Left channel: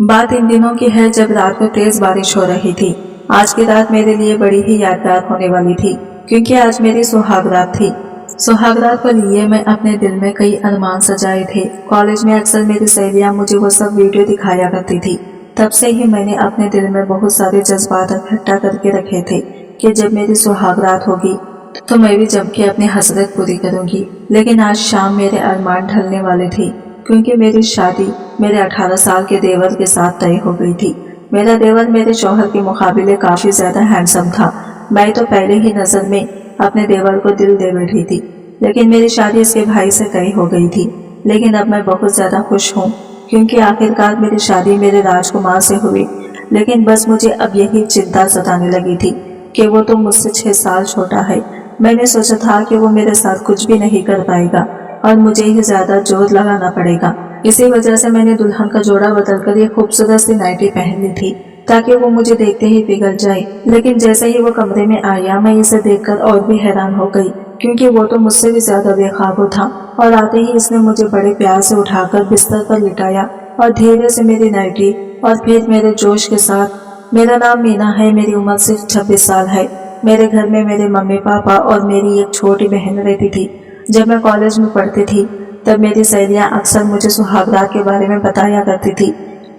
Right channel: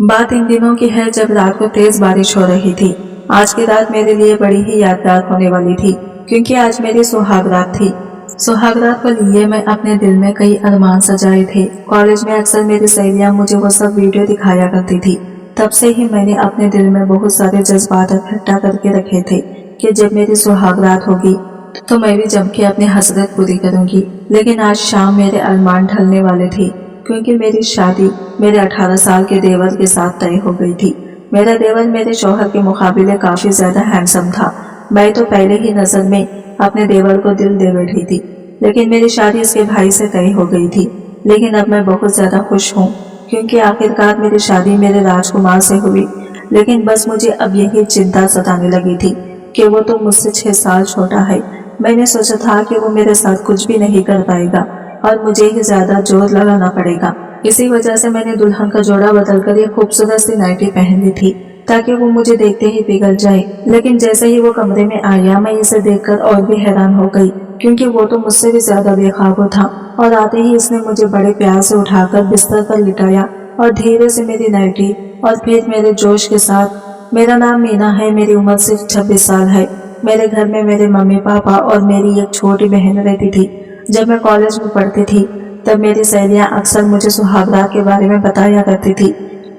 बात इन दिनों की है जब रात को तेज बारिश हो रही थी। आज की रात मेरे लिए बड़ी ही यादगार होने वाली थी, क्योंकि आज मेरी सुहाग रात थी। सुहाग रात को लिए मैं अपने दिल में कई अरमान सजाए थे। कॉलेज में अक्सर मेरी सहेलियां मुझे वो सब वीडियो दिखाया करती थी। तब से ही मैंने अपने दिल में बहुत सारे जज्बात इकट्ठा करके रखे थे कि जब मेरी सुहाग रात होगी तो मैं भी जम के अपनी हसरत पूरी करूंगी। लेकिन आज शाम मेरे अरमान ढलने वाले थे, क्योंकि मेरी शादी मेरे 18 साल के देवर के साथ तय हो गई थी। मेरा देवर मेरे शौहर के मुकाबले काफी ज्यादा हैंडसम था। मैं तो पहले ही नजर में अपने देवर को दिल दे बैठी थी, लेकिन मेरी शादी इसके भाई से तय हो गई थी। लेकिन अब मैं बहुत ज्यादा खुश हूँ, क्योंकि आखिरकार मेरी शादी मेरे राजकुमार से हुई। लेकिन बस मुझे अब यही चिंता सताने लगी थी कि वो तो मुझसे 6 साल छोटा है। मैंने सोचा था कि वो मेरे साथ कुछ भी नहीं कर पाएगा और मुझे ही ज्यादा जोर लगाना पड़ेगा। इसी वजह से मैंने दुल्हन का जोड़ा बदलकर ये खूबसूरत सी नाइटी पहन ली थी, ताकि वो मुझे देखते ही पिघल जाए। लेकिन जैसे ही वो कमरे में आया, मैं इसे देखकर और भी हैरान हो गई, क्योंकि वो तो मुझसे भी ज्यादा बेखाबो था। और आते ही इसने मुझे बड़े प्यार से उठाकर बिस्तर पर लिटाया और धीरे से मेरी नाइटी और फिर मेरे जोश के साथ, मेरा नाम मीना है, मेरी उम्र सिर्फ 26 साल है। मेरे घर में मेरे मम्मी पापा और मेरी एक छोटी बहन रहती थी। जब मैं कॉलेज में पढ़ती थी तब मेरी सहेलियां अक्सर मुझे सुहागरात के बारे में बताया करती थी।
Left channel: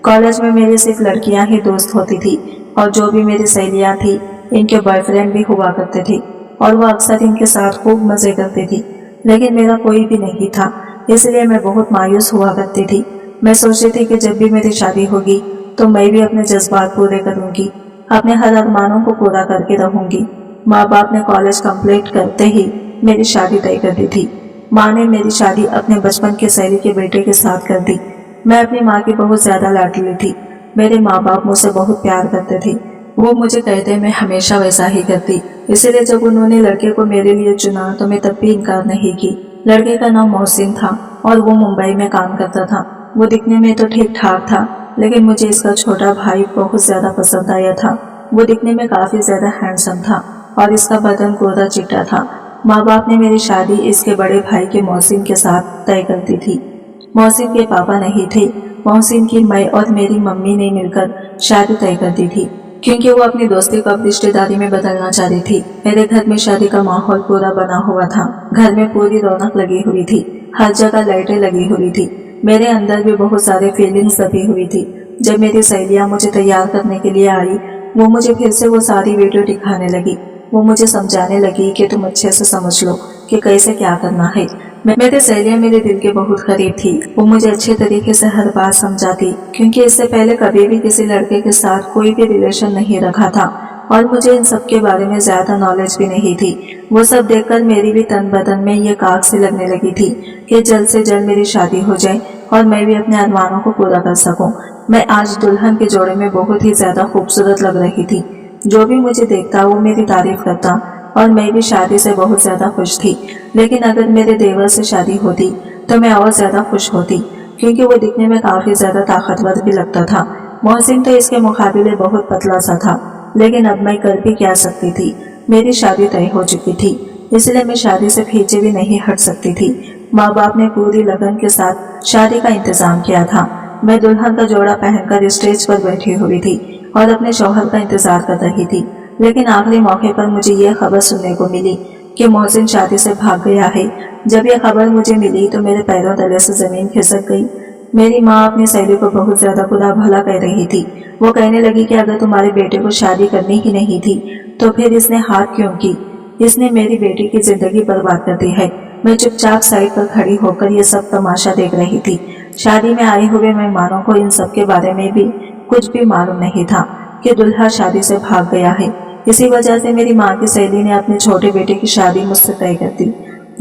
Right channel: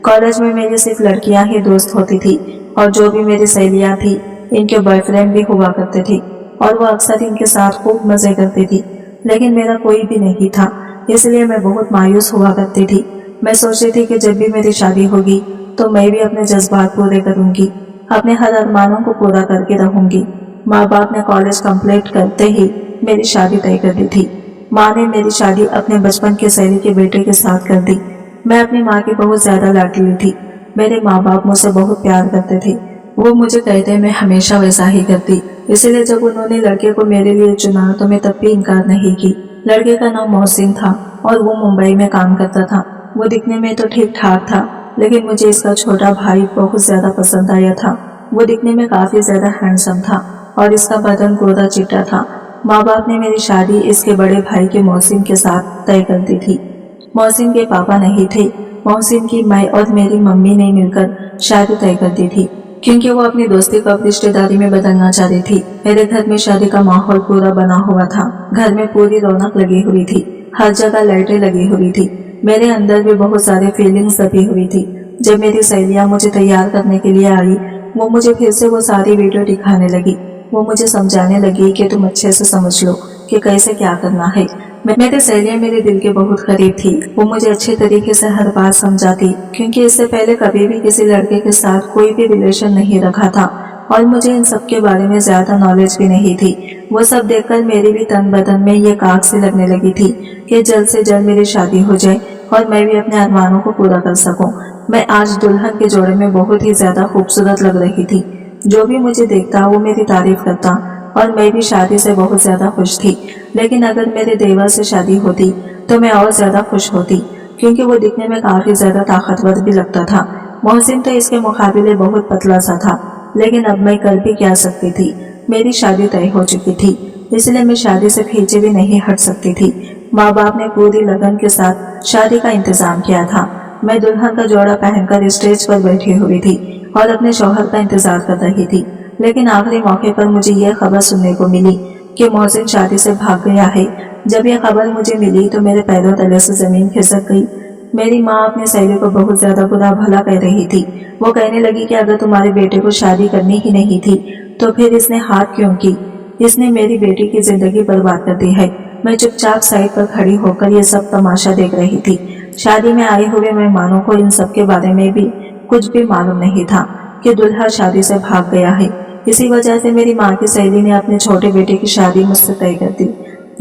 कॉलेज में मेरी सिर्फ लड़कियां ही दोस्त होती थी, और जो भी मेरी सहेलियां थी इनके बॉयफ्रेंड भी हुआ करते थे, और वो अक्सर इनके साथ खूब मजे करती थी। लेकिन मेरा कोई भी नहीं था, इसलिए मैं बहुत मायूस हुआ करती थी। मैं सोचती थी कि जब भी मेरी शादी होगी तो मैं भी अपने जज्बात पूरे करूंगी, अपने हर अरमानों को पूरा करके रहूंगी। माँ बाप ने कॉलेज कंप्लीट करते ही मेरी शादी तय कर दी थी। माँ ने मेरी शादी अपने बचपन के सहेली के बेटे के साथ कर दी। मैं अपनी माँ की बहुत ज्यादा लाडली थी। मेरे माँ बाप मुझसे बहुत प्यार करते थे। वो मुझे कहते मैं हमेशा वैसा ही करती। इसलिए जब उन्होंने लड़के को मेरे लिए चुना तो मैं तब भी इनकार नहीं की। लड़के का नाम मोहसिन था और वो मुंबई में काम करता था। वो दिखने में तो ठीक ठाक था, लेकिन मुझे इसका छोटा भाई बहुत ज्यादा पसंद आया था। वो दिखने में काफी ज्यादा हैंडसम था और इसका बदन गोरा चिट्टा था। माँ बाप ने मेरी शादी इसके बड़े भाई के मोहसिन के साथ तय कर दी थी। मोहसिन के पापा नहीं थे। मोहसिन की मैं और मेरी मम्मी ने मिलकर शादी तय कर दी थी, क्योंकि वो अपनी दोस्ती को अब रिश्तेदारी में बदलना चाह रही थी। मेरे घर में शादी का माहौल पूरा बना हुआ था। घर में पूरी रौनक लगी हुई थी, हर जगह लाइटें लगी हुई थी। मेरे अंदर भी बहुत सारे फीलिंग्स दबी हुई थी। जब मेरी सहेलियां मुझे तैयार करने के लिए आई, वो मुझे फिर से वो सारी वीडियो दिखाने लगी। वो मुझे समझाने लगी कि तुम अच्छे से समझ लो कि कैसे क्या करना है। मेरी सहेलियां मेरे दिल के बहुत करीब थी। वो मुझे अच्छे तरीके से हर बात समझाती, क्योंकि इससे पहले कभी भी किसी लड़के के साथ कोई भी रिलेशन नहीं रखा था और मुझे इन सब के बारे में ज्यादा नॉलेज भी नहीं थी। वो सब देखकर मेरी भी तन बदन में ये आग से लगने लगी थी कि जल्द से जल्द मेरी शादी हो जाए और मैं भी अपने अरमानों को पूरा कर सकूं। मैं आज दुल्हन के जोड़े में बहुत ही ज्यादा खूबसूरत लग रही थी। जो भी मुझे देखता वो मेरी तारीफ करता, और मैं भी शादी से बहुत ज्यादा खुश थी। लेकिन अगर मेरे देवर से शादी होती तो मैं और ज्यादा खुश होती, क्योंकि वो दिखने में काफी ज्यादा ताकतवर भी लगता था। मोहसिन तो इसके मुकाबले बहुत पतला सा था, लेकिन अब मैं कर भी क्या सकती थी। मेरी शादी तय हो चुकी थी, इसलिए मैं शादी से पीछे भी नहीं हट सकती थी। माँ बाप ने पूरी लगन के साथ शादी का इंतजाम किया था। मैं दुल्हन का जोड़ा पहनकर स्टेज पर बैठी हुई थी और अपने शौहर का इंतजार कर रही थी। लेकिन आखिरी मौके पर मुझे यह खबर सुनने को मिली कि मोहसिन शादी से भाग गया है। जब यह खबर मुझे मिली तो मेरे पैरों तले से जमीन खिसक गई। मेरी माँ अपनी सहेली को बहुत ज्यादा बुरा भला कह रही थी। वो कहने लगी कि अगर तुम्हारे बेटे को शादी करनी ही नहीं थी तो फिर इसने हार क्यों की। इसने मेरी बेटी की जिंदगी बर्बाद कर दी है। मैं चुपचाप साइड पर खड़ी होकर ये सब तमाशा देख रही थी। शादी में आए हुए मेहमानों को इन सब के बारे में भी कुछ भी मालूम नहीं था कि दुल्हा शादी से भाग गया है। इसी वजह से मेरी माँ की सहेली ने अपने छोटे बेटे की शादी मुझसे तय कर दी।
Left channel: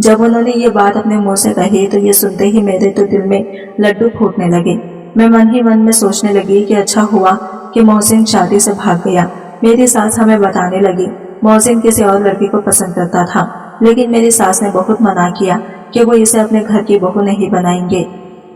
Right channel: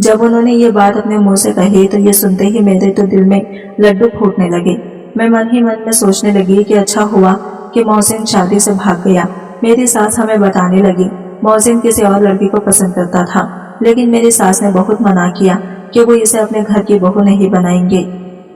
जब उन्होंने ये बात अपने मुंह से कही तो ये सुनते ही मेरे तो दिल में लड्डू फूटने लगे। मैं मन ही मन में सोचने लगी कि अच्छा हुआ कि मोहसिन शादी से भाग गया। मेरी सास हमें बताने लगी मोहसिन किसी और लड़की को पसंद करता था, लेकिन मेरी सास ने बहुत मना किया कि वो इसे अपने घर की बहू नहीं बनाएंगे।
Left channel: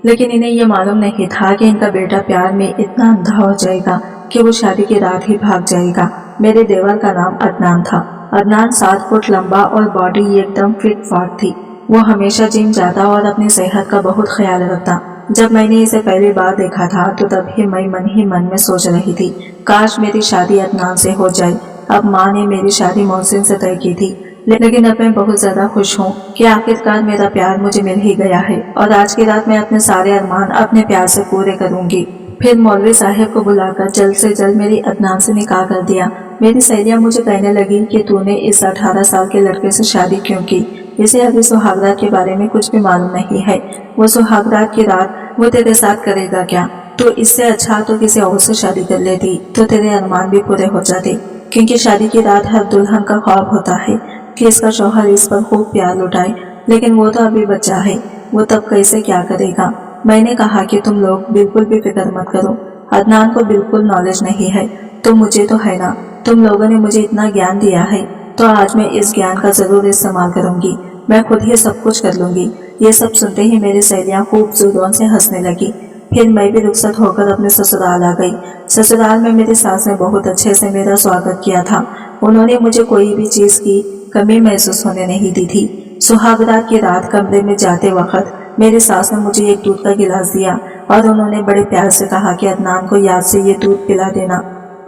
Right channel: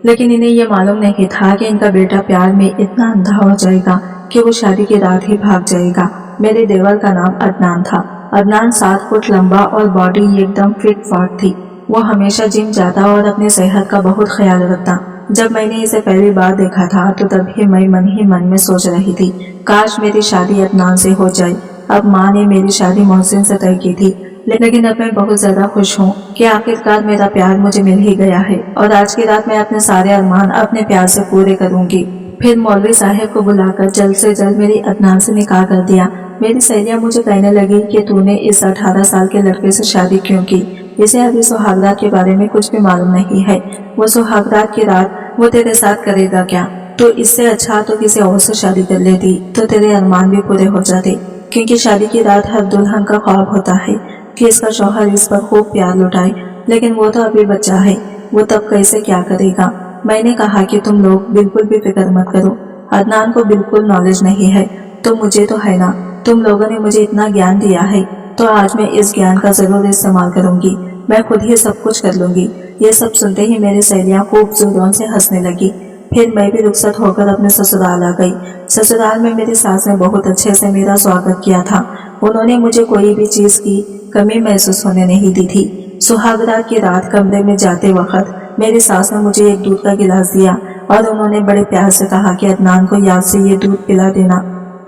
लेकिन इन्हें यह मालूम नहीं था कि इनका बेटा प्यार में इतना अंधा हो जाएगा कि वो शादी की रात ही भाग जाएगा। मेरे देवर का नाम अदनान था। अदनान 7 फुट लंबा और बॉडी एकदम फिट फाट थी। वो हमेशा जिम जाता और अपनी सेहत का बहुत ख्याल रखता। जब मैंने इसे पहली बार देखा था तो तभी मैं मन ही मन में सोच रही थी, काश मेरी शादी अदनान से हो जाए। अब माँ ने मेरी शादी मोहसिन से तय की थी, लेकिन अब मैं बहुत ज्यादा खुश हूँ कि आखिरकार मेरा प्यार मुझे मिल ही गया है और आज की रात मैं अपने सारे अरमान अपने प्यार से पूरे करूंगी। फिर मौलवी साहब को बुलाकर जल्द से जल्द मेरी अदनान से निकाह कर दिया। मेरी सहेलियां मुझे कहने लगी कि तूने इस 18 साल के लड़के से शादी क्यों की, इसे अभी सुहागरात के बारे में कुछ भी मालूम नहीं है। वो सुहागरात की रात वो तेरे साथ करेगा क्या? तो इससे अच्छा तो किसी और से शादी कर लेती तो तेरे अरमान भी पूरे हो जाते, क्योंकि शादी की रात हर दुल्हन का ख्वाब होता है कि इसका शौहर इस पर खूब प्यार लुटाए, लेकिन वो तो अभी बच्चा है, वो तब कैसे क्या करेगा। मैंने कहा कि तुम लोग बिल्कुल भी फिक्र मत करो, अदनान को बिल्कुल नॉलेज नहीं है तो मुझे तो है ना। तुम लोगों ने मुझे इतना ज्ञान दिया है तो आज मैं इस ज्ञान का जरूर इस्तेमाल करूंगी, मैं खुद ही सब कुछ कर लूंगी। ये सब सुनते ही मेरी सहेलियां खूब जोरों से हंसने लगी। फिर मैं भी रुखसत होकर अपने ससुराल आ गई। ससुराल में मेरी सास ने बहुत अच्छे से मेरा स्वागत किया था। उन्होंने मुझे कोई भी चीज की कमी महसूस होने नहीं दी थी। सुहागरात की रात कमरे में जाते वक्त मेरी सास ने मुझे एक दूध का गिलास दिया और उन्होंने बड़े प्यार से कहा कि अदनान को याद से ये दूध पिला देना,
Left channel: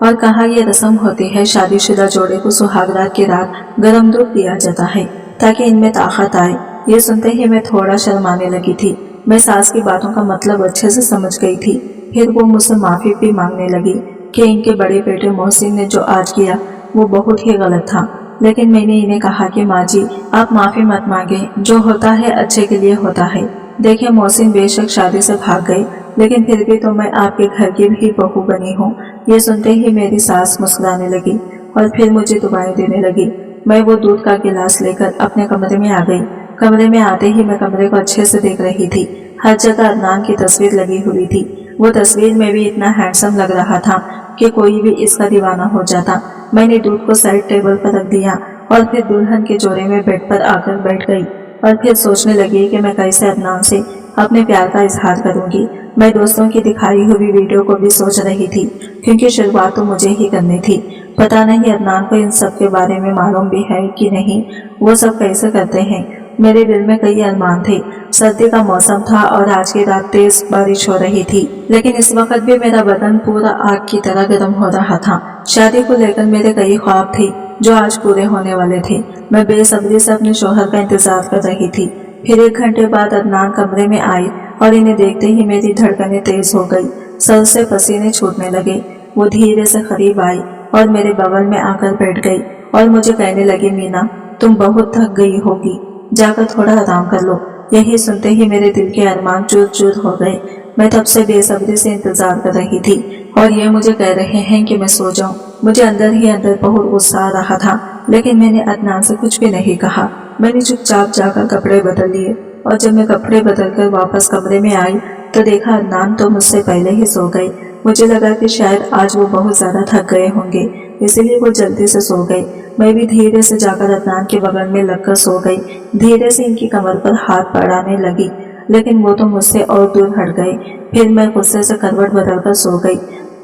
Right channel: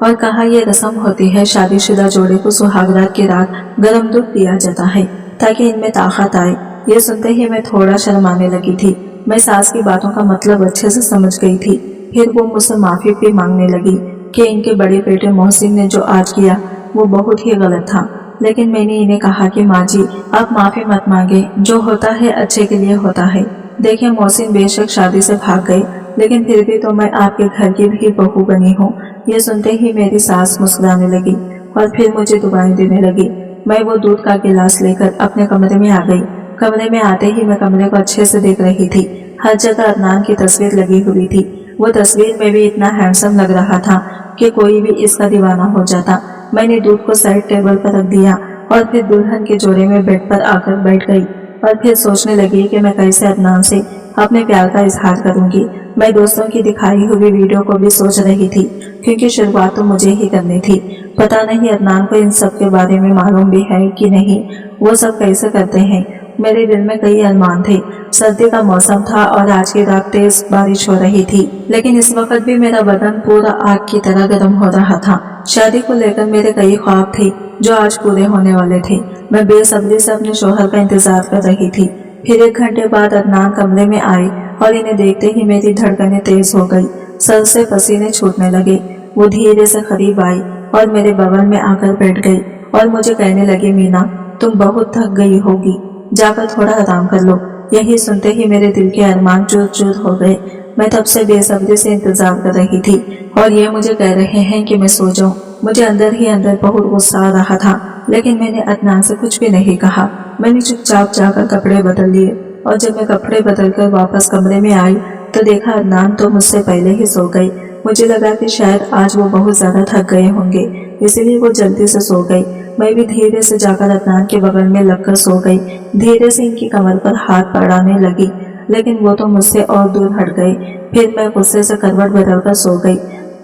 और कहा ये रस्म होती है शादीशुदा जोड़े को सुहागरात की रात गर्म दूध दिया जाता है ताकि इनमें ताकत आए। ये सुनते ही मैं थोड़ा शर्माने लगी थी। मैं सास की बातों का मतलब अच्छे से समझ गई थी। फिर वो मुझसे माफी भी मांगने लगी कि इनके बड़े बेटे मोहसिन ने जो आज किया वो बहुत ही गलत था। लेकिन मैंने इन्हें कहा कि माँ जी आप माफी मत मांगे, जो होता है अच्छे के लिए होता है। देखिए मोहसिन बेशक शादी से भाग गए, लेकिन फिर भी तो मैं आपके घर की भी बहू बनी हूँ। ये सुनते ही मेरी सास मुस्कुराने लगी और फिर मुझे दुआएं देने लगी। मैं वो दूध का गिलास लेकर अपने कमरे में आ गई। कमरे में आते ही मैं कमरे को अच्छे से देख रही थी। हर जगह अदनान की तस्वीर लगी हुई थी। वो तस्वीर में भी इतना हैंडसम लग रहा था कि कोई भी इसका दीवाना हो जाता। मैंने दूध को साइड टेबल पर रख दिया और फिर दुल्हन के जोड़े में बेड पर आकर बैठ गई और फिर सोचने लगी कि मैं कैसे अदनान से अपने प्यार का इजहार करूंगी। मैं दोस्तों की दिखाई हुई वीडियो को भी सोच रही थी, क्योंकि शुरुआत तो मुझे ही करनी थी। पता नहीं अदनान को इन सब के बारे में मालूम भी है कि नहीं, वो सब कैसे करते हैं। मेरे दिल में कई अरमान थे। सर्दी का मौसम था और आज की रात तेज बारिश हो रही थी, लेकिन इस वक्त भी मेरा बदन पूरा आग की तरह गर्म हो रहा था। शादी को लेकर मेरे कई ख्वाब थे जो आज पूरे होने वाले थे। मैं बेसब्री से अपने शौहर का इंतजार कर रही थी। फिर 1 घंटे बाद अदनान कमरे में आए और इन्हें देखते ही मेरी धड़कनें तेज हो गई, सर से पसीने छूटने लगे। वो धीरे से करीब आई और मेरे बगल में आकर बैठ गई और मुझे कहने लगी, मीना तुम बहुत थक गई होगी, जाकर थोड़ा आराम कर लो। यही सुनते ही मेरे दिल के अरमान चूर चूर हो गए। मैं तब से बेसब्री से इंतजार कर रही थी और ये मुझे कह रहे हैं कि मैं सो जाऊं। मुझे अंदर ही अंदर बहुत गुस्सा आ रहा था, लेकिन मैंने अदनान से कुछ भी नहीं कहा। मैंने चुपचाप जाकर कपड़े बदल लिए और जब मैं कपड़े बदलकर वापस कमरे में आई तो देखा अदनान तो मुझसे पहले ही सो गए। मुझे लगा कि शायद आज वो बहुत ज्यादा थक गए होंगे, इसलिए वो जल्दी से सो गए। मैं भी धीरे से जाकर अदनान के बगल में लगकर सो गई। धीरे से इनकी कमर पर हाथ बढ़ाने लगी, लेकिन वो तो मुझसे और दूर हट गए। फिर मैं गुस्से से करवट बदलकर सो गई,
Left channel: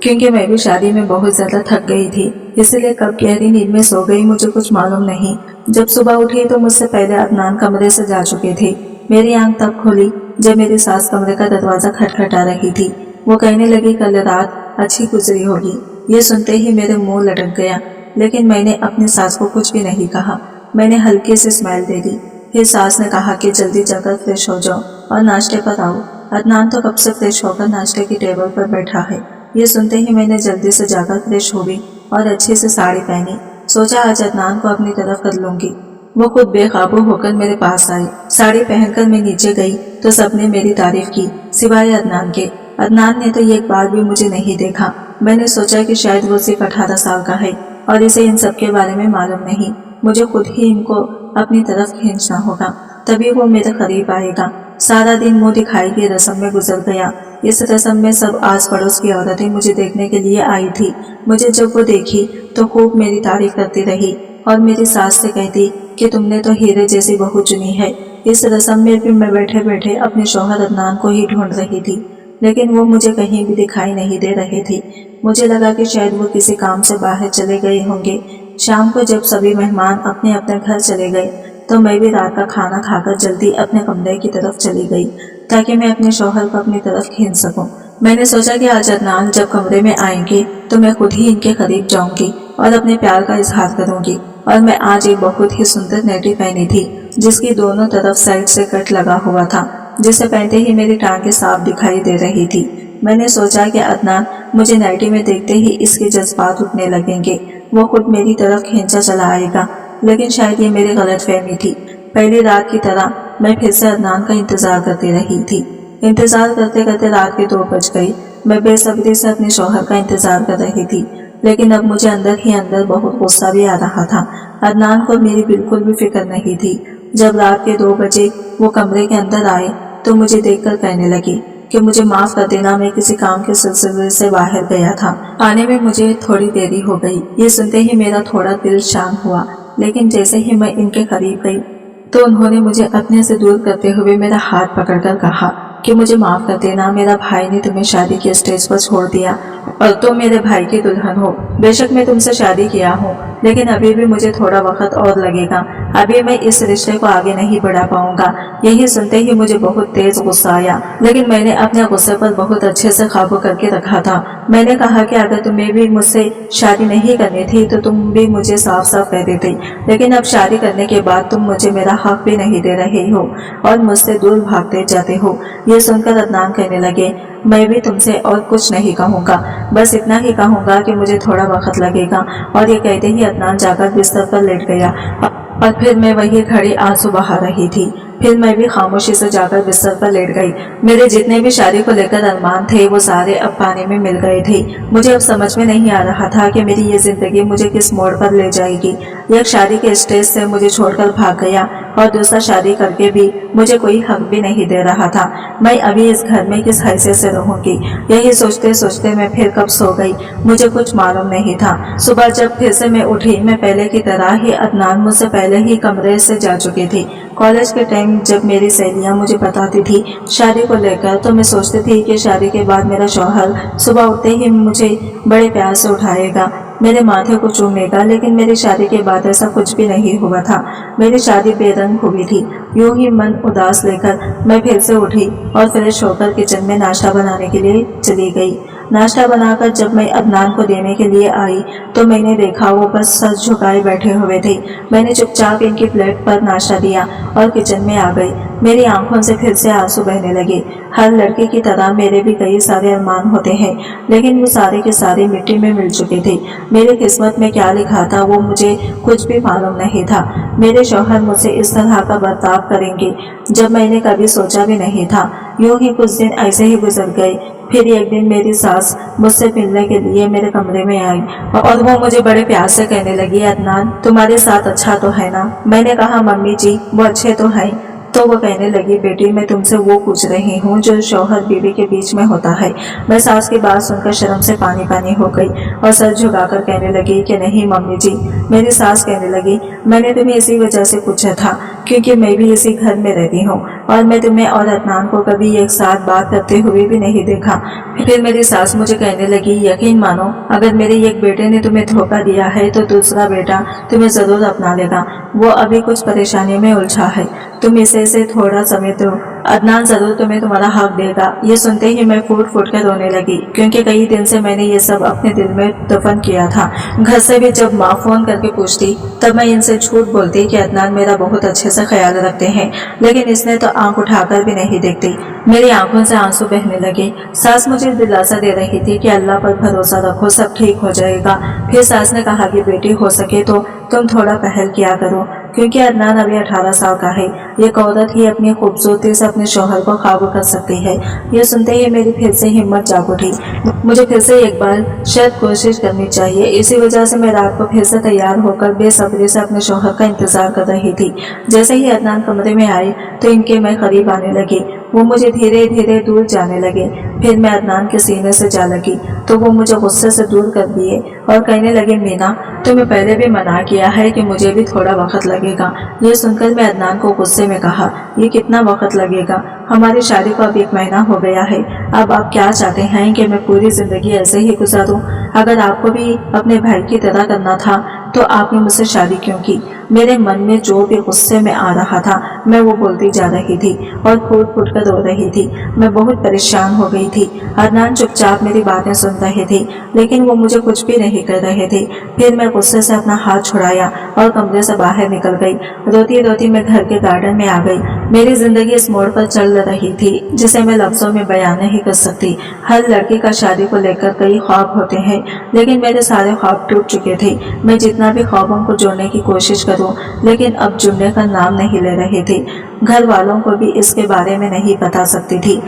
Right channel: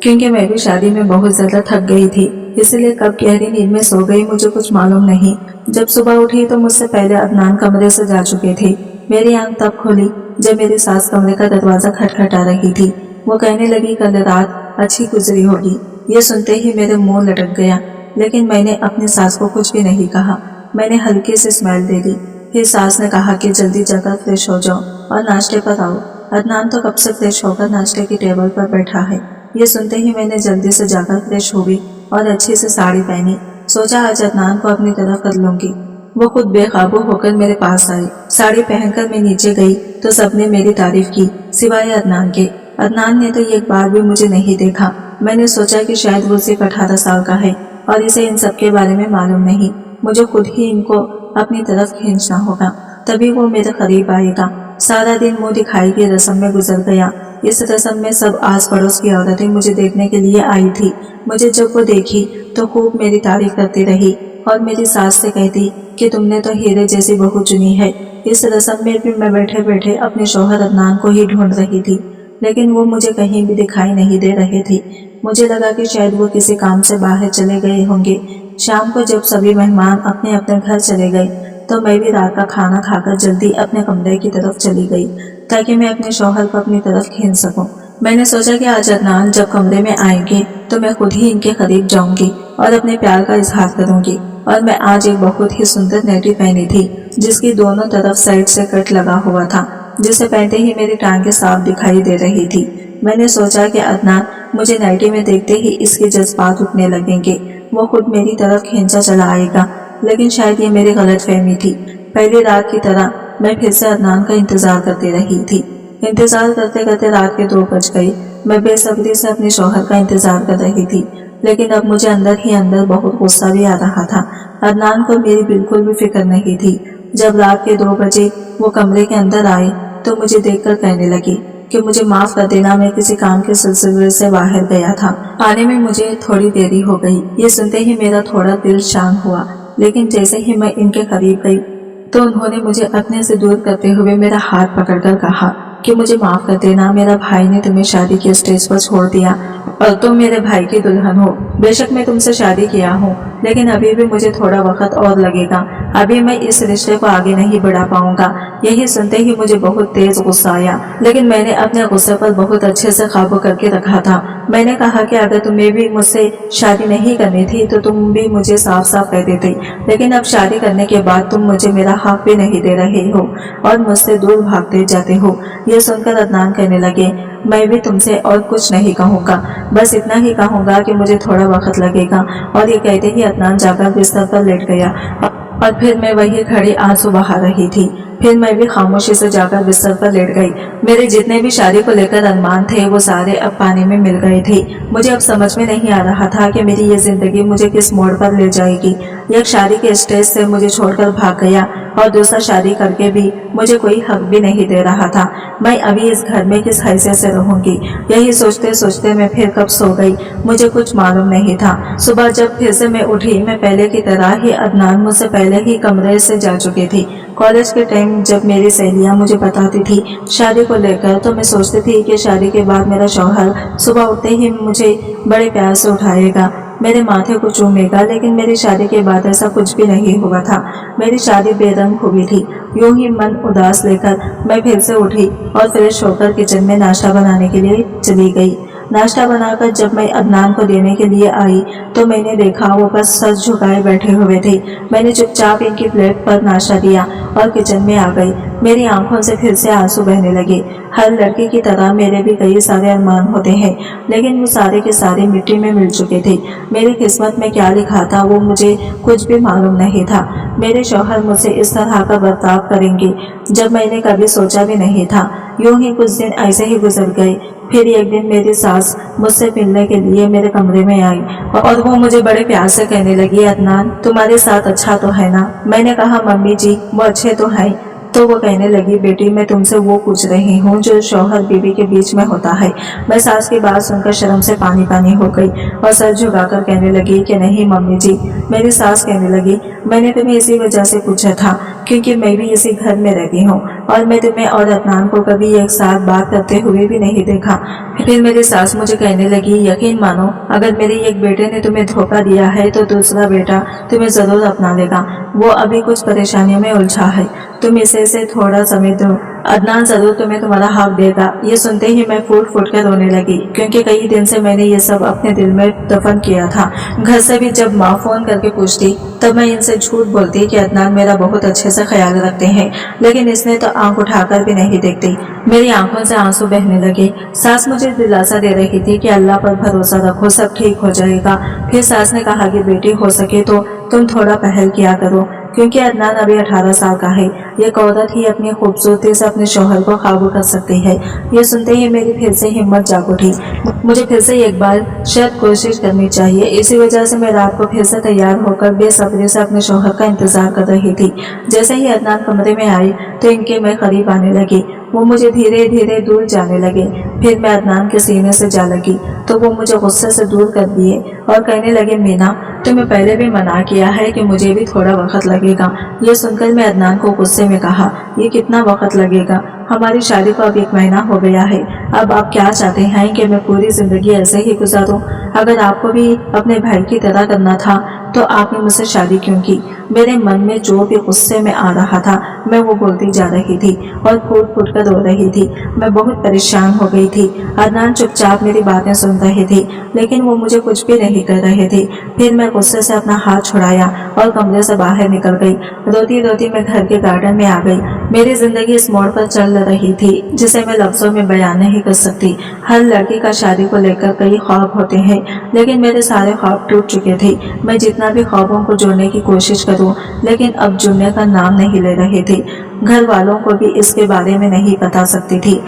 क्योंकि मैं भी शादी में बहुत ज्यादा थक गई थी, इसलिए कब गहरी नींद में सो गई मुझे कुछ मालूम नहीं। जब सुबह उठी तो मुझसे पहले अदनान कमरे से जा चुके थे। मेरी आंख तब खुली जब मेरी सास कमरे का दरवाजा खटखटा रही थी। वो कहने लगी, कल रात अच्छी गुजरी होगी। ये सुनते ही मेरे मुंह लटक गया, लेकिन मैंने अपनी सास को कुछ भी नहीं कहा। मैंने हल्की से स्माइल दे दी। फिर सास ने कहा कि जल्दी जाकर फ्रेश हो जाओ और नाश्ते पर आओ। अदनान तो कब से फ्रेश होकर नाश्ते की टेबल पर बैठा है। ये सुनते ही मैंने जल्दी से जाकर फ्रेश हो गई और अच्छी से साड़ी पहनी। सोचा आज अदनान को अपनी तरफ कर लूंगी। वो खुद बेकाबू होकर मेरे पास आए। साड़ी पहनकर मैं नीचे गई तो सबने मेरी तारीफ की, सिवाय अदनान के। अदनान ने तो एक बार भी मुझे नहीं देखा। मैंने सोचा कि शायद वो सिर्फ 18 साल का है और इसे इन सब के बारे में मालूम नहीं। मुझे खुद ही इनको अपनी तरफ खींचना होगा, तभी वो मेरे करीब आएगा। सारा दिन मुंह दिखाई की रस्म में गुजर गया। इस रस्म में सब आस पड़ोस की औरतें मुझे देखने के लिए आई थी। मुझे जब वो देखी तो खूब मेरी तारीफ करती रही और मेरी सास से कहती कि तुमने तो हीरे जैसी बहू चुनी है। इस रस्म में भी मैं बैठे बैठे अपने शौहर अदनान को ही ढूंढ रही थी, लेकिन वो मुझे कहीं भी दिखाई नहीं दे रहे थे। मुझे लगा कि शायद वो किसी काम से बाहर चले गए होंगे। शाम को जब सभी मेहमान अपने अपने घर चले गए तो मैं भी रात का खाना खाकर जल्दी अपने कमरे की तरफ चली गई। ताकि मैं अपने शौहर को अपनी तरफ खींच सकूं। मैंने सोचा कि आज अदनान जब कमरे में आएंगे तो मैं खुद ही इनके करीब जाऊंगी और अपने प्यार का इजहार करूंगी। और मैं आज एक बहुत ही सुंदर नाइटी पहनी थी जिसकी दोनों तरफ साइड से कट लगा हुआ था, जिसे पहनते ही मेरी टांगें साफ दिखाई दे रही थी। मैंने सोचा कि अदनान मुझे नाइटी में देखते ही इसके जज्बात उठने लगेंगे, वो खुद मेरी तरफ खींचा चला आएगा। लेकिन शायद ये मेरी गलतफहमी थी। पहली रात की तरह मैं फिर से अदनान का इंतजार करती रही थी। इंतजार करते करते रात के 2 बज गई। मैं बेसब्री से अपने शौहर का इंतजार कर रही थी, लेकिन अब मुझे अंदर ही अंदर बहुत गुस्सा भी आ रहा था। अदनान को मेरी बिल्कुल भी फिक्र नहीं थी। जब रात के 2 बजे वो कमरे के अंदर आए तो मुझे देखकर कहने लगी कि मुझे माफ कर देना, मैं किसी काम के सिलसिले से बाहर गया था, आने में मुझे थोड़ी देरी हो गई। ये सुनते ही मेरा थोड़ा दिल शांत हुआ, लेकिन जैसे ही मैं इनके करीब गई तो उन्होंने मुझे अपने से दूर करते हुए मेरा हाथ पकड़कर कहा कि मुझे माफ कर देना, मेरा भाई ने तुम्हें शादी के स्टेज पर छोड़ दिया और तुम मेरे भाई की दुल्हन हो। बेशक मैं तुमसे शादी किया हूँ, लेकिन अभी भी मुझे थोड़ा वक्त और लगेगा। अभी मैं इस रिश्ते को आगे नहीं बढ़ा पाऊंगा। यही सुनते ही मुझे बहुत तेज गुस्सा आया, लेकिन मैंने अपने गुस्से पर बहुत अच्छे से काबू करके रखा था। मैंने कहा कि अगर तुम्हें भी मुझसे शादी नहीं करनी थी तो तुम भी मुझे साफ साफ कह देते, लेकिन अब शादी करने के बाद तुम मुझे मेरा हक भी नहीं दे रहे हो और मुझसे दूर भागते जाते हो। ये सुनकर अदनान कहने लगे, मैं भी तुमसे और कुछ नहीं कहूँगा, बस इतना ही कहूँगा कि मुझे थोड़ा वक्त लगेगा। और ये कहते ही अदनान जाकर बिस्तर पर लेट गया और फिर मैं वही खड़ी आंसू बहा रही थी। फिर मैं भी खामोशी से जाकर बिस्तर पर लेट गई। मेरे जितने भी शादी को लेकर अरमान थे वो सारे अब पानी में मिल गए थे। मुझे अब समझ में नहीं आ रहा था कि मेरी ये जिंदगी मुझे किस मोड़ पर ले जाएगी। एक शादी के स्टेज से मुझे छोड़कर भाग गया और दूसरा शादी करके भी मुझे कोई हक भी नहीं दे रहा था। मैं अभी इस घर में किस हैसियत से रहूंगी, यही सोचते सोचते मैं फिर कब सो गई, मुझे कुछ मालूम नहीं था। सुबह जब फिर से मैं उठी, मैं पहले की तरह ही अदनान मुझसे पहले ही कमरे से जा चुकी थी। कॉलेज के टाइम जब मेरी सहेलियां मुझे बताती थी शादी को लेकर, तो मैं सोचती थी कि शादी के बाद मेरा शौहर सुबह उठते ही मुझे बड़े प्यार से उठाएगा, मेरे माथे को चूमेगा। लेकिन मेरी शादी के बाद ऐसा कुछ भी नहीं हुआ था। मेरी शादी बेरंग हुई थी। यूं ही मन उदास लेकर मैं फिर से उठी और फ्रेश होकर किचन में नाश्ता बनाने के लिए चली गई। नाश्ता बनाकर जब मैं अदनान को देने के लिए आई तो मैंने देखा वो बस सर झुकाए बैठे हुए थे। मैंने चुपचाप इनकी प्लेट पर नाश्ता दिया और किचन में आ गई। मेरी आंखों से फिर से आंसू बहने लगे। हर लड़की की तरह मेरे भी कई सारे अरमान होते हैं, लेकिन वो सारे के सारे मिट्टी में मिल चुके थे। मेरी किस्मत में क्या लिखा था वो मुझे कुछ भी मालूम नहीं था। मेरे शौहर मुझसे इस तरह का बर्ताव करेंगे जब मैंने कभी सोचा भी नहीं था। यूं ही कुछ दिन ऐसे ही गुजर गए। फिर एक दिन मेरी सास मुझसे मिलने के लिए मेरे कमरे में आई और वो मुझे बड़े प्यार से कहने लगी, अदनान तुम्हारे साथ अच्छा तो है ना? मैंने कहा, मम्मी जी वो अच्छे तो हैं। तो वो कहने लगी, बेटी मैं तुमसे वो पूछ रही हूँ जो शौहर बीवी के बीच में होता है। मैं सास की बात सुनकर शर्म से पानी पानी हो गई और सर झुकाकर कहने लगी कि नहीं मम्मी जी। मेरी सास कहने लगी, मैंने तुम्हें इसी वजह से पूछा था क्योंकि मैं भी इसी घर में रहती हूँ और मैं तुम्हें और अदनान को कभी एक साथ बात करते हुए भी नहीं देखा। फिर मेरी सास मुझे कहने लगी, यकीन मानो अगर मेरे एक बेटे ने तुम्हें धोखा दिया है तो दूसरा बेटा तुम्हें जरूर अपना लेगा। वो अभी कुछ परेशानियों में उलझा है, तुम इसे थोड़ा समय दो, अदनान जरूर तुम्हें तुम्हारा हक देगा। ये सुनते ही मैं फूट फूट कर रोने लगी क्योंकि कई दिन से मैंने ये सब अपने दिल में दफन किया था। घर से भी जब माँ फोन करके पूछती तब मैं इनसे झूठ बोलती कि अदनान मेरा बहुत अच्छे से ख्याल रखते हैं, लेकिन इसने तो आंख उठाकर भी नहीं देखती। मेरी आंखों से आंसू बहने लगे। सास मुझे दिलासा दे रही थी कि अल्लाह पर भरोसा रखो, सब ठीक हो जाएगा। फिर सास ने कहा कि बेटी हो सके तो तुम थोड़ा पहल किया करो क्योंकि अदनान अभी 18 साल का है। एक औरत ही अपनी खूबसूरती से अपने शौहर को काबू कर सकती है। ये सुनते ही मेरी फिर से हिम्मत जाग उठी। मुझे फिर से एक बार शायद कोशिश करनी चाहिए। इसी वजह से मैं रात को फिर से तैयार होकर बेसब्री से अपने शौहर का इंतजार कर रही थी। जैसे ही अदनान कमरे में आई तो इनके मैं करीब आने लगी। वो मुझे धीरे धीरे दूर जाने लगे। फिर मैं अदनान के सीने से जा लगी तो वो मुझे गुस्से से दूर कर दिए और कहने लगे, मीना तुम्हें पहले भी मना किया है कि मुझे भी थोड़ा वक्त लगेगा। ये सुनकर मैं अदनान को गुस्से में कहा, ये कितना वक्त लगेगा? हमारी शादी को अब 1 महीना हो गया है। अब आप क्या चाहते हैं कि मैं पूरी जिंदगी ऐसे ही गुजारूं? अगर आपको भी अपने भाई की तरह करना था तो आपने मुझसे शादी क्यों की? मेरे मन में जो भी गुस्से में आ रहा था मैं वो बोलती जा रही थी और फूट फूट कर रो रही थी। मैं बहुत परेशान हो गई थी। अदनान चुपचाप मेरी बातें सुन रहे थे, लेकिन वो मुझे कुछ भी नहीं कर रहे थे। फिर मैं गुस्से से अपना हाथ छुड़ाया और कमरे से बाहर निकल गई। रोती रोती मैं घर के गार्डन में आ गई। मेरी जिंदगी इस मोड़ पर चल रही थी जिसे मैं लफ्जों में बयान नहीं कर सकती। हर लड़की का शादी को लेकर कई ख्वाब होते हैं, लेकिन मेरे सारे ख्वाब टूट चुके थे। मैं जितना भी ख्वाबों को जोड़ने की कोशिश करूं, लेकिन अब जुड़ने का नाम नहीं ले रहे थे। घर वालों को भी इसके बारे में नहीं बता सकती थी,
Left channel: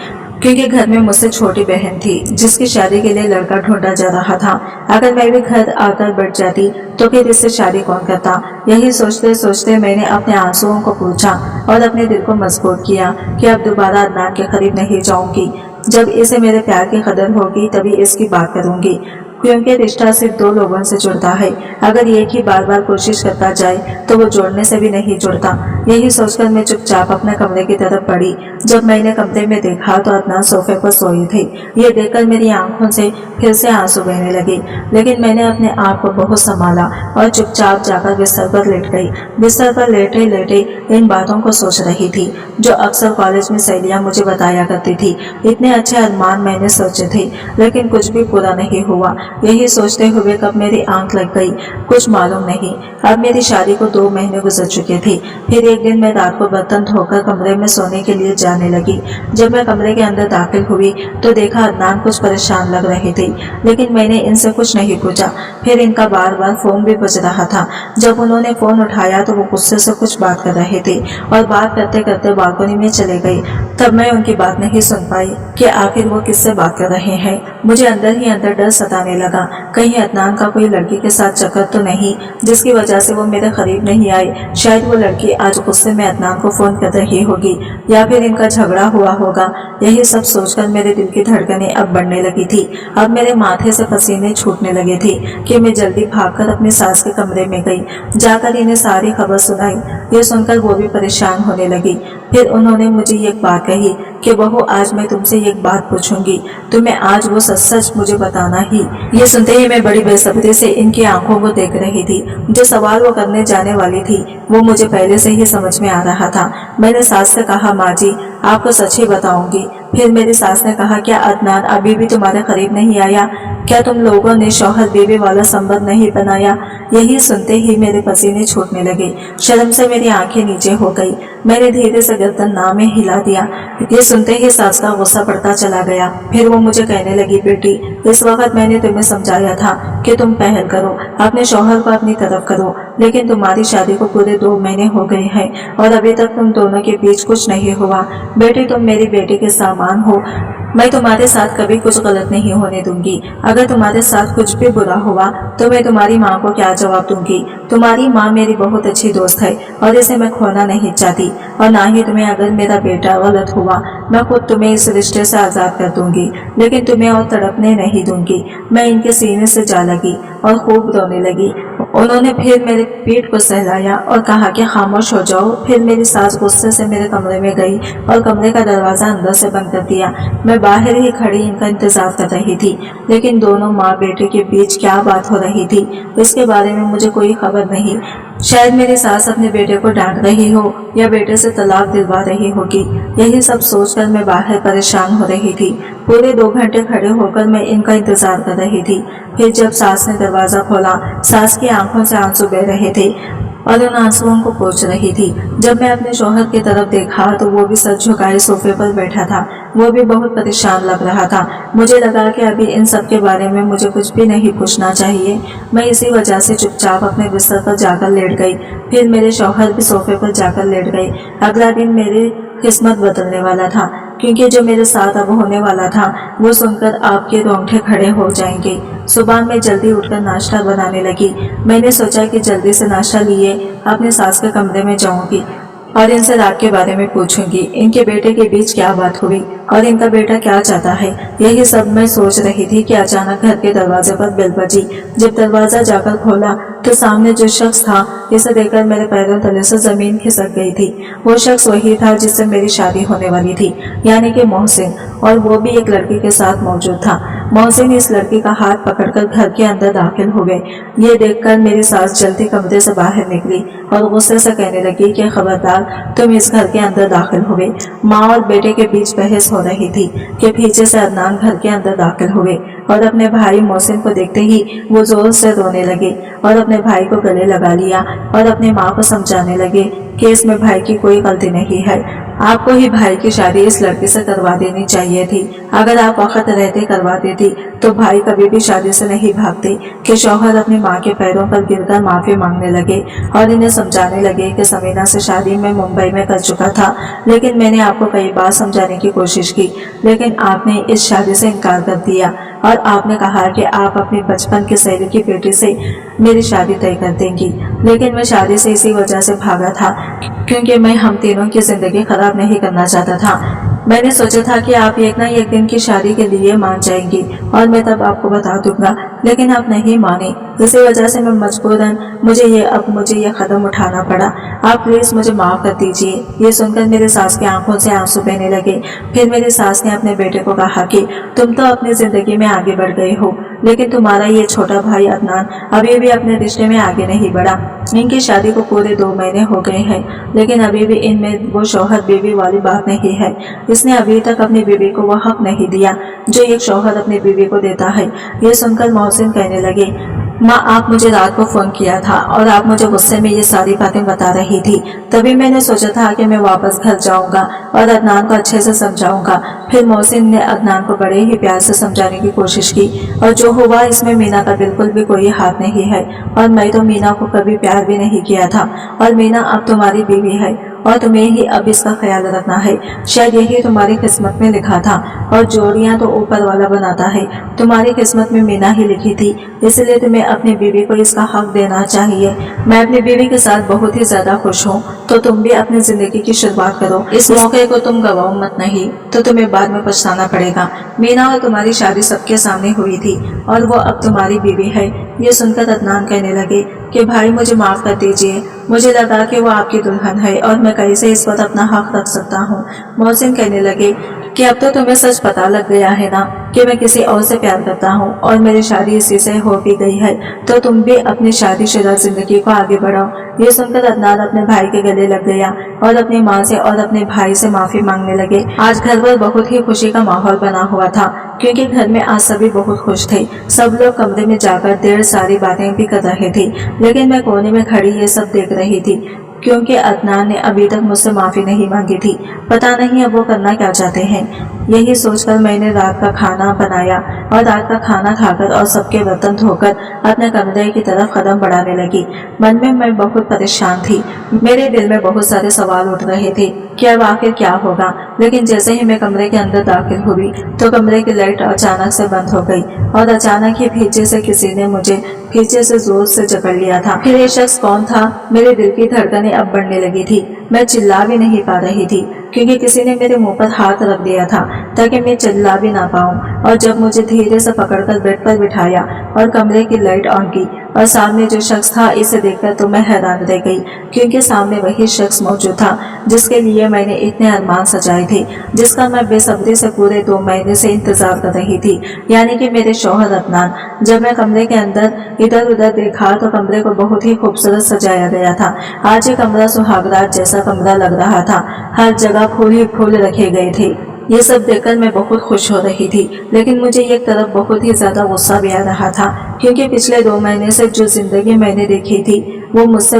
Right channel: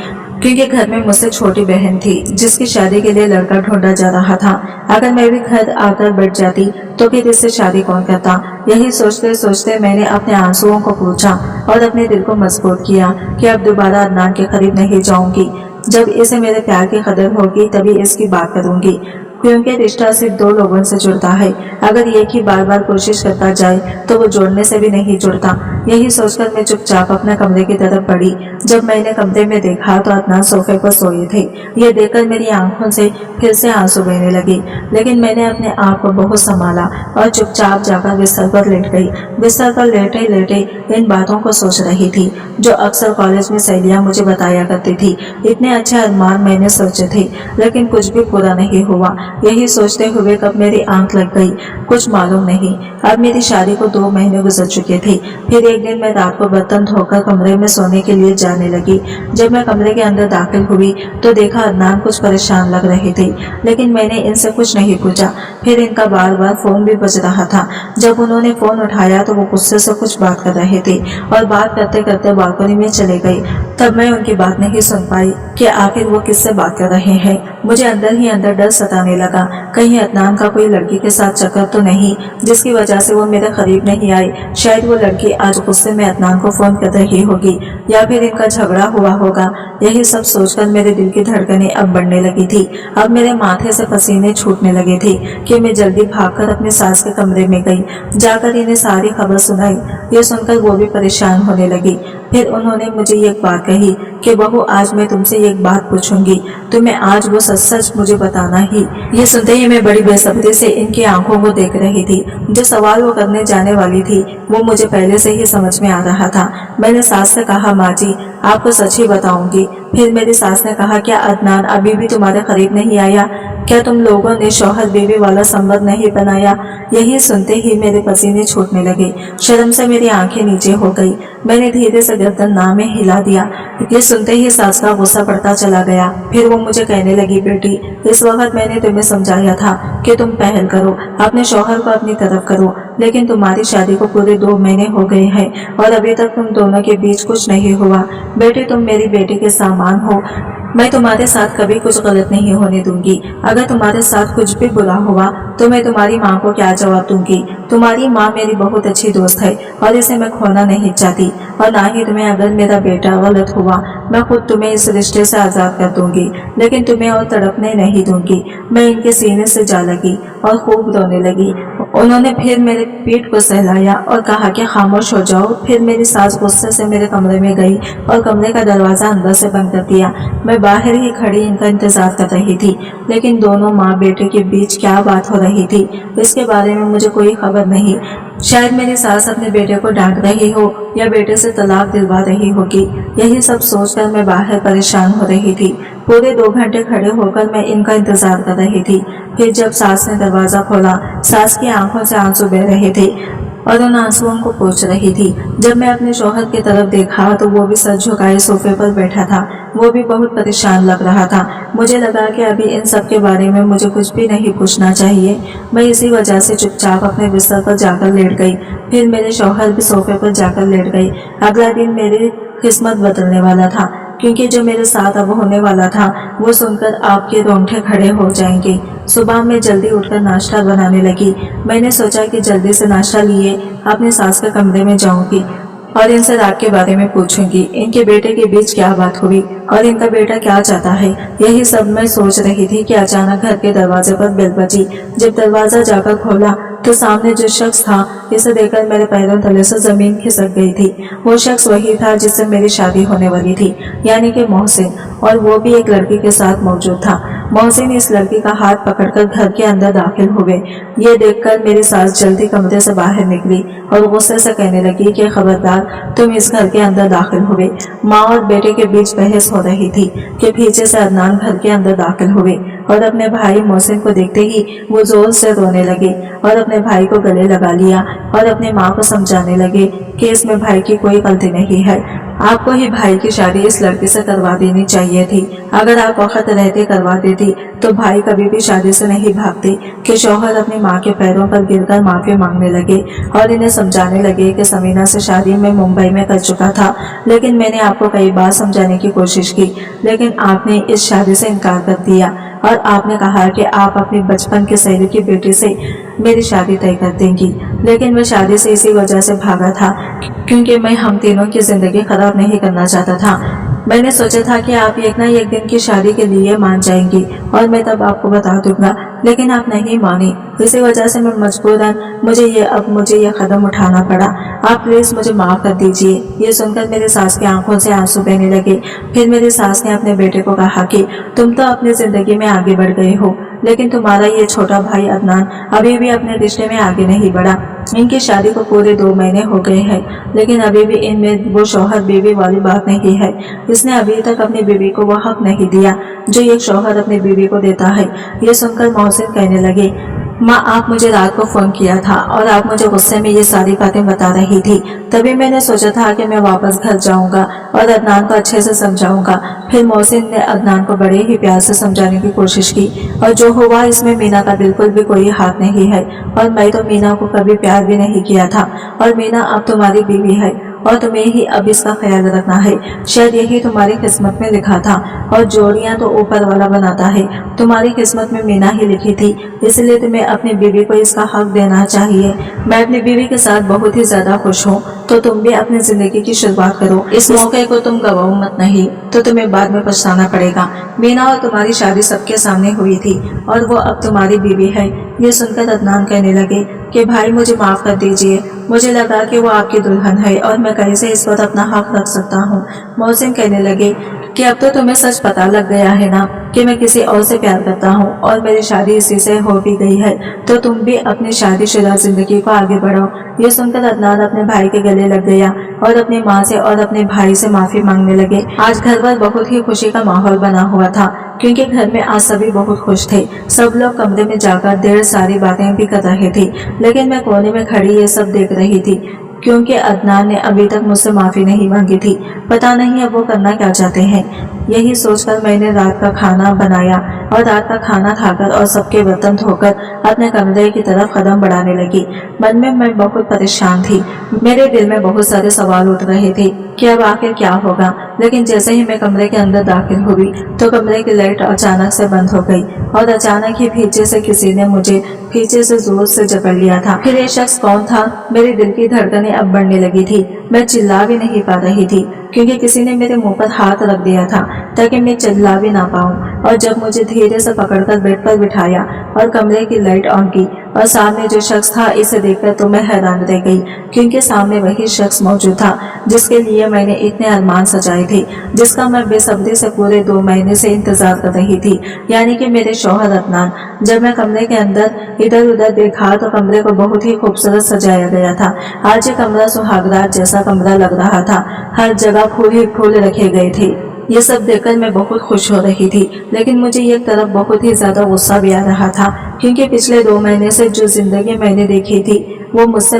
क्योंकि घर में मुझसे छोटी बहन थी जिसकी शादी के लिए लड़का ढूंढा जा रहा था। अगर मैं भी घर आकर बैठ जाती तो फिर इससे शादी कौन करता। यही सोचते सोचते मैंने अपने आंसुओं को पूछा और अपने दिल को मजबूर किया कि अब दोबारा अदनान के करीब नहीं जाऊंगी। जब इसे मेरे प्यार की कदर होगी तभी इसकी बात करूंगी, क्योंकि रिश्ता सिर्फ दो लोगों से जुड़ता है। अगर एक ही बार बार कोशिश करता जाए तो वो जोड़ने से भी नहीं जुड़ता। यही सोचकर मैं चुपचाप अपने कमरे की तरफ बढ़ी। जब मैंने कमरे में देखा तो अदनान सोफे पर सोए थे। यह देखकर मेरी आंखों से फिर से आंसू बहने लगे, लेकिन मैंने अपने आप को बहुत संभाला और चुपचाप जाकर बिस्तर पर लेट गई। बिस्तर पर लेटे लेटे इन बातों को सोच रही थी जो अक्सर कॉलेज में सहेलियां मुझे बताया करती थी। इतने अच्छे अरमान मैंने सोचे थे, लेकिन कुछ भी पूरा नहीं हुआ। यही सोचते हुए कब मेरी आंख लग गई कुछ मालूम नहीं। अब मेरी शादी को 2 महीने गुजर चुके थे। फिर एक दिन मैं रात को बर्तन धोकर कमरे में सोने के लिए जाने लगी। जब मैं कमरे के अंदर दाखिल हुई तो देखा अदनान कुछ परेशान लग रहे थे, लेकिन मैंने इनसे कुछ नहीं पूछा। फिर इनका बार बार फोन भी बज रहा था। जब उन्होंने फोन उठाया तो वो गुस्से से कुछ बात कर रहे थे और बात करते करते बालकनी में चले गए। तब मैं उनकी बात नहीं सुन पाई कि आखिर वो किससे बात कर रहे हैं। मुझे अंदर ही अंदर डर सताने लगा, कहीं अदनान का कोई लड़की के साथ चक्कर तो नहीं जिसकी वजह से वो मेरे करीब नहीं आए। शायद वो लड़की आज गुस्से में अदनान को फोन कर रही होगी या फिर इनका झगड़ा हुआ होगा। यही सब सोचकर मेरे दिल की धड़कनें अब बढ़ने लगी थी। अब मेरे माथे से पसीने छूटने लगे थे कि मैं जल्दी भागकर अपनी सास के कमरे में गई। जाकर इन्हें सारी खबर सुनाई। ये सुनकर वो भी परेशान होने लगी। फिर उन्होंने मुझे एक बात कही कि बहू आज मैं तुमसे एक बात पूछूंगी, तुम्हें आज वो सच सच मुझे बताना ही। ये सुनते ही मैं बड़ी बेसब्री से इनकी आंखों को देख रही थी। जो सवाल वो करने जाने वाली थी वो मुझे पहले से ही समझ में आ रहा था। मैंने सास से कहा, माँ जी आपको सच ही बताऊंगी। फिर मेरी सास ने कहा, क्या अदनान अभी भी तुम्हारे करीब नहीं आया? क्या तुम लोगों ने शौहर बीवी वाला संबंध नहीं बनाया? यही सुनते ही मेरे पसीने छूटने लगे। शर्म से मेरी आंखें नीचे हो गई। मैंने धीरे से गर्दन ना में हिला दिया। ये सुनते ही सास का गुस्सा बढ़ता चला गया। फिर वो मुझे कहने लगी, बेटी इस वक्त मैंने तुम्हें समझाया था कि तुम पहल करो, अपने शौहर को अपनी तरफ करो, लेकिन तुम्हारी शादी को पूरे 2 महीने हो गए हैं और अभी तक तुम दोनों के बीच कुछ नहीं हुआ। बेटी तुम मेरी बेटी के सामान हो। मैं तुम्हारे साथ कभी कुछ गलत नहीं होने दूंगी। अगर तुम्हारे साथ कुछ भी बुरा हुआ तो मैं तुम्हारी माँ को क्या जवाब दूंगी? तुम्हारी माँ मेरी बहुत अच्छी दोस्त है और इसे मैं खोना नहीं चाहती, और ना ही तुम्हें अगर मेरा बेटा गलत हुआ मैं खुद तुम्हें इस रिश्ते से आज़ाद कर दूंगी, लेकिन तुम्हें और तड़पने नहीं दूंगी। मैं इनके सीने से जा लगी और खूब रोने लगी। उन्होंने फिर मेरे पेट को सहलाया और कहा कि खामोश हो जाओ। फिर मेरी सास गुस्से से मेरे कमरे में गई और कमरे का दरवाज़ा अंदर से बंद कर दिया। मैं बाहर ही खड़ी इनका इंतजार कर रही थी, लेकिन दोनों माँ बेटे के बीच क्या बात हो रही थी इसके बारे में मुझे कोई खबर नहीं। शायद मेरी सास अपने बेटे को डांट रही हो या बेटे से तलाक दिलवा रही होगी। यही सब सोचकर मैं बाहर परेशान हो रही थी। पूरे 2 घंटे खड़े होकर मैं इनका इंतजार कर रही थी। फिर जब सास ने दरवाज़ा खोला, सास की आंखों से आंसू बह रहे थे और उन आंसुओं को पोंछ रही थी। जब मैं अपने शौहर की तरफ देखा तो वो भी सर झुकाए सोफे पर बैठा था। वो भी बहुत परेशान लग रहा था। मुझे लगा कि अभी इन सब के बारे में मुझे कुछ भी नहीं पूछना चाहिए। मैं इसी वजह से चुपचाप अपने बिस्तर पर जाकर लेट गई। फिर मेरे शौहर भी सोफे पर जाकर लेट गए। अगला दिन मेरी किस्मत बदलने वाला था, क्योंकि जो मेरे साथ अब होने वाला था वो सुनकर आपके रोंगटे खड़े हो जाएंगे। सुबह मैं जल्दी उठकर नाश्ता बनाने लगी। मैंने सोचा कि जल्दी से नाश्ता लिए अपने सास के कमरे में जाऊंगी और इनसे रात के बारे में पूछूंगी, इनके बेटे के बीच क्या बात हुई और इनका बेटा क्या चाहता है। यही सब मैं सोच रही थी कि अचानक घर के दरवाजे पर बेल बजी। जब दरवाजा जाकर खोला तो सामने जो शख्स था इसे देखकर मेरे पैरों तले से जमीन खिसक गई थी। वो शख्स वही था जिससे मेरी शादी होने वाली थी, यानी कि मोहसिन, और वो भी एक लड़की के साथ मौजूद था। मोहसिन इस लड़की का हाथ पकड़कर घर के अंदर दाखिल हुए। ये देखकर मेरी सास जल्दी कमरे से बाहर निकली और गुस्से से कहने लगी कि खबरदार तुम इस घर के अंदर दाखिल हुए। माँ और बेटे के बीच बहस हो रही थी कि पीछे से अदनान घर के अंदर दाखिल हुए और अपने भाई मोहसिन को देखते ही वो जोर से रोने लगे और अपने भाई को गले लगा लिया और अपनी माँ को समझाने लगे कि इसमें भाई की कोई गलती नहीं है। आपको ही भाई की शादी इस लड़की से करवा देनी चाहिए थी। अगर आप वक्त रहते करवा देती तो भाई कभी भी शादी से नहीं भागते। कि शौहर अपनी माँ के पैरों पर गिरकर माफी मांगने लगे और इन्हें समझाने लगे कि समीना से शादी मैं मुंबई में कर चुका था, लेकिन मैंने आपको कई बार समझाने की कोशिश की, लेकिन आपने इस शादी से इनकार कर दिया और आपने कहा कि आप अपनी बचपन की सहेली की बेटी से मेरी शादी तय कर देंगी। लेकिन मैं शादी से इसी वजह से भागा था क्योंकि मैं हम तीनों की जिंदगी खराब नहीं करना चाहता था। मैंने सोचा था कि आप एक ना एक दिन की शादी के लिए मान जाएंगी और मैं तब आपको बता दूंगा, लेकिन आप नहीं मानी। इसी वजह से मैं मजबूरन मुझे ये कदम उठाना पड़ा। आप प्लीज मुझे माफ कर दीजिए। ये सुनकर मेरी सास की आंखों से आंसू बहने लगे। फिर मेरी सास ने अपने बेटे को कहा कि तुम तो अपनी जिंदगी में आगे बढ़ गए हो, लेकिन तुम्हारा ये छोटा भाई अदनान अभी भी अपने रिश्ते में आगे नहीं बढ़ा। इनकी शादी को पूरे 2 महीने हो गए हैं, लेकिन अभी भी इनमें वो शौहर बीवी वाली बात नहीं है। इसने अभी तक अपनी बीवी को वो हक नहीं दिया जो एक शौहर अपनी बीवी को देता है। ये सुनकर मोहसिन कहने लगे, माँ आप मुझे रात को फोन किया था और आप मुझे गुस्से में ये सारी बातें बता रही थी। तभी मैंने सोचा था कि मैं वापस घर जाऊंगा और अदनान को अच्छे से समझाऊंगा। फिर मोहसिन ने अदनान को बड़े ही प्यार से समझाने की कोशिश की और जो हुआ इसमें मीना का बिल्कुल भी कोई हाथ नहीं है और मैं तो मीना को कभी प्यार भी नहीं किया था और मीना अब तुम्हारी बीवी है और तुम्हें ही अब इसका ख्याल रखना है। शायद यही तुम्हारी किस्मत में लिखा था और जोड़ियां तो ऊपर वाला बनाता है। तुम्हारी किस्मत में मीना ही लिखी थी, इसलिए तुम्हें अपनी बीवी को इसका हक देना चाहिए। मैं अपनी बीवी के साथ बहुत ही ज्यादा खुश हूँ, तो तुम भी अपनी जिंदगी की शुरुआत करो। इस मौके को तुम गवाओ मत, नहीं तो तुम्हें बाद में पछताना पड़ेगा। मीना और तुम्हारी शादी सबके सामने हुई थी और वो अब तुम्हारी बीवी है। ये सुनकर अदनान कहने लगे कि भाई मुझे माफ कर दीजिए, मुझे लगा कि वो आपकी दुल्हन है और मैं कैसे इस पर अपना हक रख सकता हूँ। मोहसिन कहने लगे कि अब तो तुम्हें सच पता लग गया है ना कि मैं किसी और से प्यार करता हूँ और मेरी शादी इसी से हो भी गई है, तो तुम भी अपनी शादीशुदा जिंदगी को आगे बढ़ाओ। ये सुनकर अदनान अपने भाई के गले लग गया और अपनी माँ से और अपने भाई से माफी मांगने लगे। आज घर पर बहुत ही खुशी का माहौल बना हुआ था क्योंकि घर में आज सभी बहुत खुश थे। सब लोग कमरे में जाकर ढेर सारी बातें भी कर रहे थे, लेकिन मैं कोने में खड़ी ये सब देख रही थी क्योंकि अदनान ने अभी तक मुझसे माफी नहीं मांगी थी। पता नहीं अब वो करना क्या चाहते हैं। यही सोचकर मैंने रात का खाना बनाया और रात का खाना खाकर और सबके बर्तन धोकर अपने कमरे की तरफ कदम बढ़ाने लगी। मन में मैं बहुत परेशान थी। मेरे दिल में बहुत सारे सवाल उठ रहे थे कि अब आखिर क्या होगा। लेकिन जैसे ही मैं कमरे के अंदर दाखिल हुई तो कमरे की लाइट अचानक से बंद हो गई और अचानक ही पीछे से किसी ने मुझे पीछे से जोर से जकड़ लिया था। फिर ये शख्स कौन था? मेरे दिल की धड़कनें अब बढ़ने लगी थी। मैं चिल्ला भी नहीं पा रही थी क्योंकि किसी ने मेरे मुंह पर हाथ रख दिया था ताकि मैं चिल्ला भी ना पाऊं। और जब मुझे धीरे से पकड़कर बेड पर बिठाया और कमरे की लाइट ऑन की और सामने जो शख्स था इसे देखकर तो मैं हैरान रह गई क्योंकि सामने वही शख्स मौजूद था जिसके लिए मैंने इतने अरमान सजाए थे, जिसका मैं बेसब्री से पूरे 2 महीने से इंतजार कर रही थी, यानी कि मेरे शौहर अदनान। जब मैं कमरे के अंदर इधर उधर देखा तो कमरे को बहुत ही खूबसूरत सजाया गया था। आज ये कमरा सुहागरात जैसा कमरा लग रहा था। हर जगह फूल ही फूल रखे गए थे। ये सब देखकर मैं बहुत खुश हो रही थी, लेकिन मुझे एक तरफ बहुत ही ज्यादा गुस्सा भी आ रहा था क्योंकि पिछले 2 महीने से जो जिंदगी मैंने देखी थी वो मुझसे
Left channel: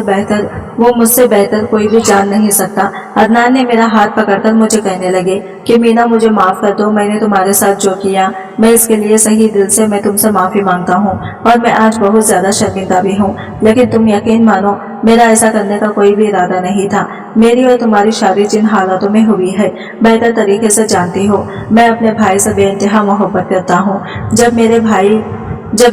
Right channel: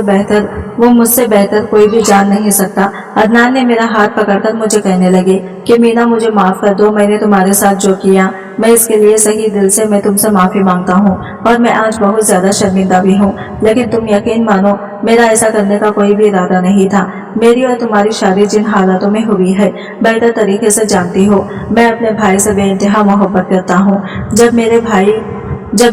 बेहतर कोई भी जान नहीं सकता। अदनान ने मेरा हाथ पकड़कर मुझे कहने लगे कि मीना मुझे माफ कर दो, मैंने तुम्हारे साथ जो किया मैं इसके लिए सही दिल से मैं तुमसे माफी मांगता हूँ और मैं आज बहुत ज्यादा शर्मिंदा भी हूँ। लेकिन तुम यकीन मानो मेरा ऐसा करने का कोई भी इरादा नहीं था। मेरी और तुम्हारी शादी जिन हालातों में हुई है बेहतर तरीके से जानती हो। मैं अपने भाई से बेइंतहा मोहब्बत करता हूँ। जब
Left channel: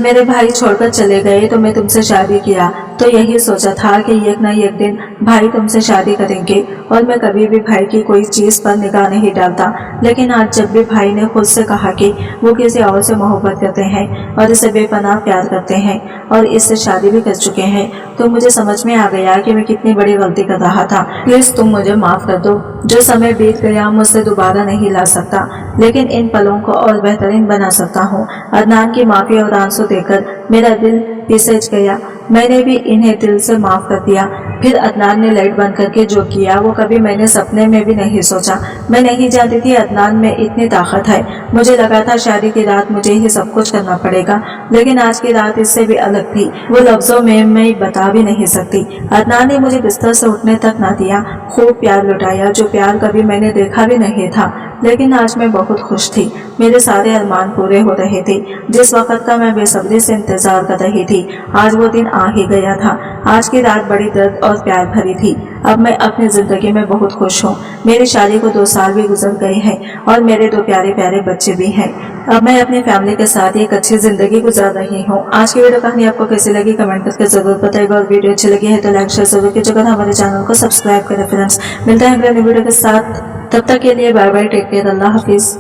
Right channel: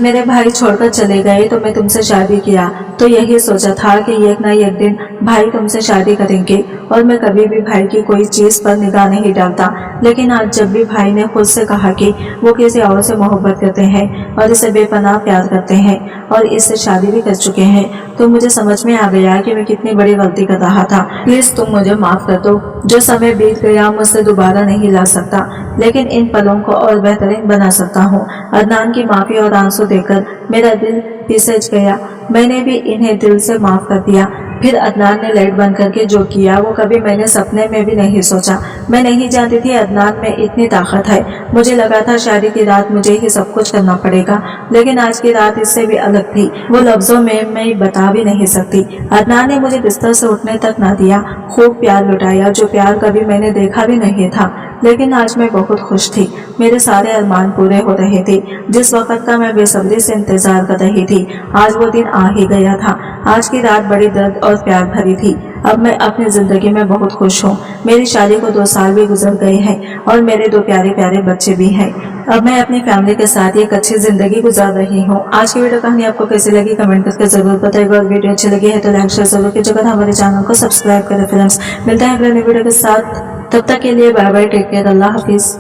मेरे भाई छोड़कर चले गए तो मैं तुमसे शादी किया तो यही सोचा था कि एक न एक दिन भाई तुमसे शादी करेंगे और मैं कभी भी भाई की कोई चीज पर निगाह नहीं डालता। लेकिन आज जब भी भाई ने खुद से कहा कि वो किसी और से मोहब्बत करते हैं और इसे बेपनाह प्यार करते हैं और इससे शादी भी कर चुके हैं तो मुझे समझ में आ गया कि मैं कितनी बड़ी गलती कर रहा था। प्लीज तुम मुझे माफ कर दो। जो समय बीत गया मुझसे दोबारा नहीं ला सकता, लेकिन इन पलों को और बेहतरीन बना सकता हूँ। अदनान की माफी और आंसू देकर मेरा दिल पिसज गया। मैंने भी इन्हें दिल से माफ कर दिया। फिर अदनान ने लाइट बंद करके जो किया वो कभी मैंने सपने में भी नहीं सोचा। मैं नहीं जानती थी अदनान में इतनी ताकत है। मुझे लगा था शादी की रात मुझे ही सब कुछ करना पड़ेगा, लेकिन आज की रात इससे भी अलग थी। वो लफ्जों में मैं बता भी नहीं सकती। अदनान ने मुझे बिस्तर से उठने तक ना दिया, खूब प्यार लुटाया, जो प्यार कभी मैंने देखा भी नहीं था। लेकिन आज मैं बहुत खुश थी। मेरे सारे अरमान पूरे हो रहे थे। जिस वक्त का मैं बेसब्री से इंतजार कर रही थी, आज वो दिन आ ही गया था। आज की रात बड़ी दर्द और प्यार भरी थी। अब मैं अपनी जिंदगी में बहुत खुश हूँ। मेरी शादी को 2 साल भी गुजर गए हैं और मेरे 2 प्यारे प्यारे बच्चे भी हैं। अब मैं अपनी फैमिली के साथ एक अच्छी जिंदगी गुजार रही हूँ। आज की वीडियो कहानी आपको कैसी लगी कमेंट करके जरूर बताइएगा, और वीडियो अच्छी लगी है तो लाइक शेयर जरूर कीजिएगा, हमारे चैनल को सब्सक्राइब करें। फ्रेंड्स, मिलते हैं अगले वीडियो के साथ। तब तक के लिए बाय बाय, टेक केयर, अल्लाह हाफिज।